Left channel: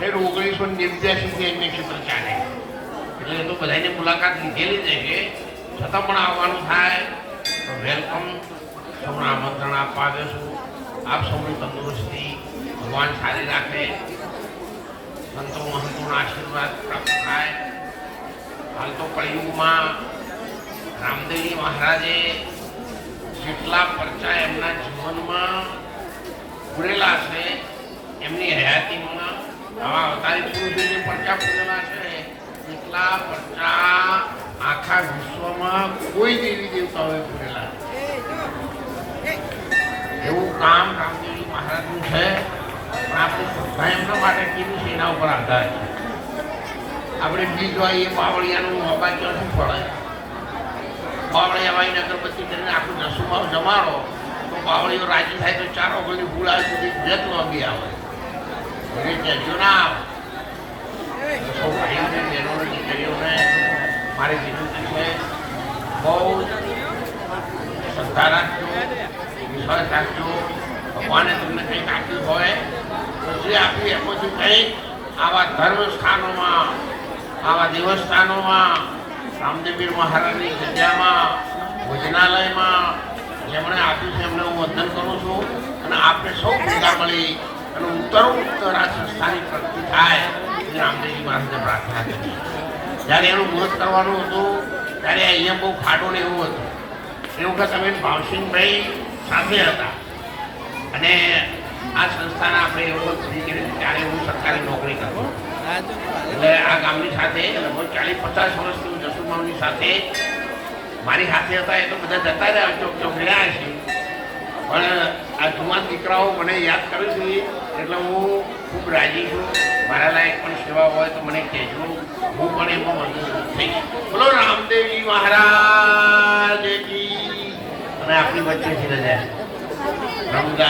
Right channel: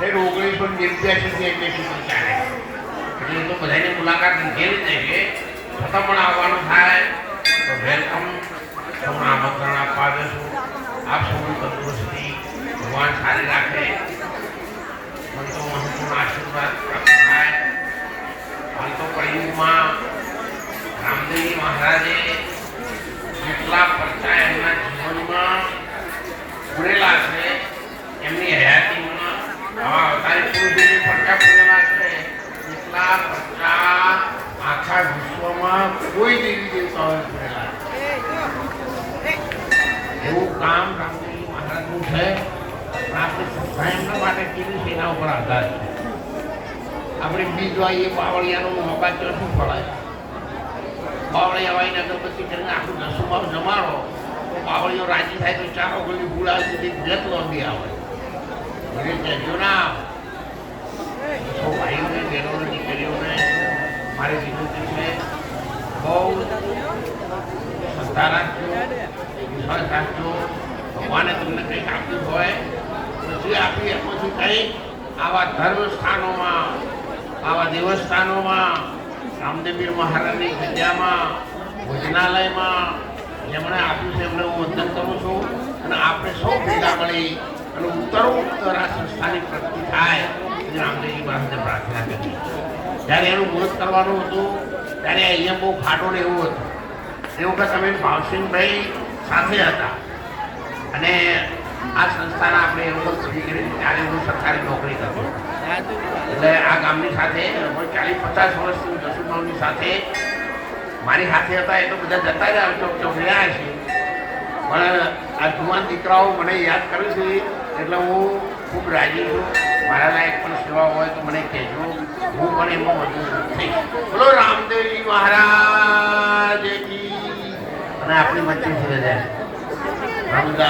1989 admission ચાલે એટલે તો બધાની મુલાકાત લીધેલી જ છે છતાં પણ આવવાનું થાય તો વેલકમ તમને આમંત્રણ આપવા આવ્યો છું. આપ સૌની તંદુરસ્તી ભગવાન સારી રાખે, સંતો મહંતોના આશીર્વાદ પ્રાપ્ત થાય. હાલ તો કળિયુગમાં રામદેવજી મહારાજે જેટલા પરચા એમના જીવનમાં પૂરેલા છે, એમની હયાતીમાં આવા અવતારી પુરુષોની પરચા પૂરેલા છે, એટલા પરચા આખા વિશ્વમાં કોઈ દેવી દેવતાઓએ પૂરેલા છે. એવું કામ રામદેવજી મહારાજનું છે. પણ આપણી સંસ્થા એમના માટે કેવી છે એના ઉપર આધાર છે. આપણે બીજ વાઈએ બાવળિયાનું મોબા ક્યાંથી ફળે? બાવળિયા વાઈને અગરબત્તી કરીને આખું દસુમાં જમાડો તો બાવળીઓ રાજી થાય તો ચારો ગળી ફૂલ આવે સુધી જેત લોંબી આવે. એને કહેજો ના આવે. સૌ ભાઈઓને બહેનોને દીકરીઓને મારી વિનંતી છે, બહુ શ્રદ્ધા રાખજો, વિશ્વાસ રાખજો. ભગવાને તમને કંઈક આપ્યું હોય પછી આપ્યું એમાંથી કંઈક આવા ધર્મ સ્થાનોમાં, આવા દેવસ્થાનોમાં, રામદેવપીર મહારાજની જગ્યામાં, ભોજનાલયમાં જેમણે આપ્યું છે એમને હું વંદન કરું છું. અને આપણે સૌ ભેગા મળી અને ઉત્તરોત્તર આ સંસ્થાની પ્રગતિ થાય એ રામદેવજી મહારાજને પ્રાર્થના કરી. જ્યારે એનું મુહૂર્ત કરવાનું હતું ત્યારે અહીંયા બહુ ખાટો ને એવું હતું. એ વખત અમે ભાવસિંહભાઈ સાથે હતા અને આ સંસ્થાના આપણે એ વખત પૂરી કરી ત્યારે હું સરકારી નોકરી કરતો. એટલે આ ગામની સાથે લગભગ 40-50 વર્ષથી હું જસુમાવની સાથે મારી સાથે હતા. એ તો બધા જતા રહ્યા, ચોક ચોક રહ્યા છે, પણ આ જુવાન દીકરાઓ મને યાદ કરે છે એટલે હું ખૂબ રાજી છું. મારા લાયક પણ સેવા હોય તો મને કહેજો, હું પણ એમાં મદદ થઈશ. બોલો રામદેવજી મહારાજ કી. અને આપણી વચ્ચેથી રજા રમદા